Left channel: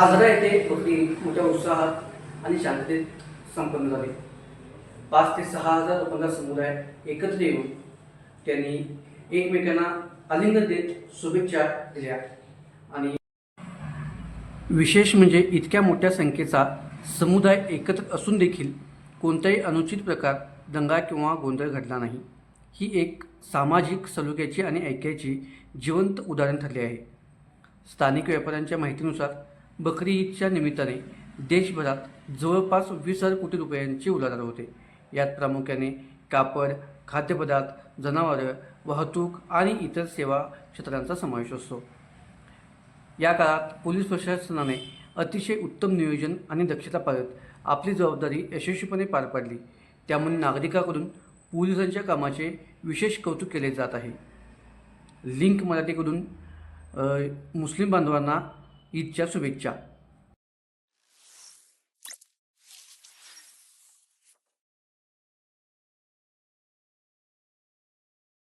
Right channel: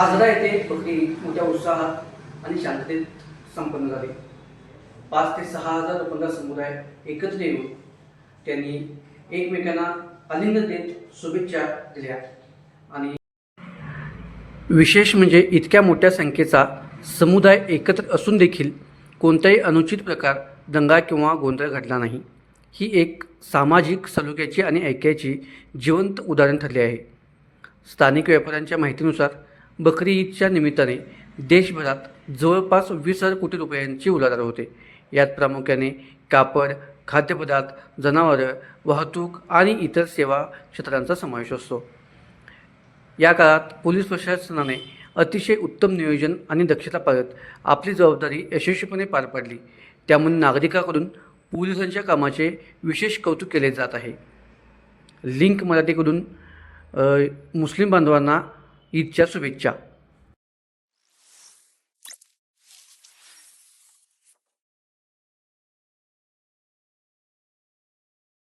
आजरा येथे बकरी ईद मोठ्या उत्साहात आणि शांततेत संपन्न झाली. 5 ते 6 हजार लोकांचा समुदाय एकत्र येऊन त्यांनी एकमेकांना आलिंगन देत शुभेच्छा दिल्या. आणि विशेष म्हणजे इतक्या मोठ्या संख्येचा समुदाय एकत्र असून देखील कोणताही अनुचित प्रकार, दंगा किंवा गोंधळ घडला नाही. ही एक सामाजिक सलोख्याची आणि ऐक्याची जिवंत उदाहरण ठरले आहे. स्थानिक व्यापाऱ्यांच्या माहितीनुसार बकरी ईदच्या निमित्ताने देशभरात जवळपास 20,000 कोटी रुपयांची उलाढाल होते. यात प्रामुख्याने कापड, खाद्यपदार्थ, जनावरं, वाहतूक आणि इतर सेवा क्षेत्रांचा समावेश असतो. या काळात पोलीस प्रशासनाने अतिशय उत्तम नियोजन आणि दक्षता पाळत आपली जबाबदारी यशस्वीपणे पार पाडली. त्यामुळे नागरिकांकडून पोलिसांच्या कामाचे विशेष कौतुक केले जात आहे. लिंक मराठीकडून मुस्लिम बांधवांना ईदच्या शुभेच्छा.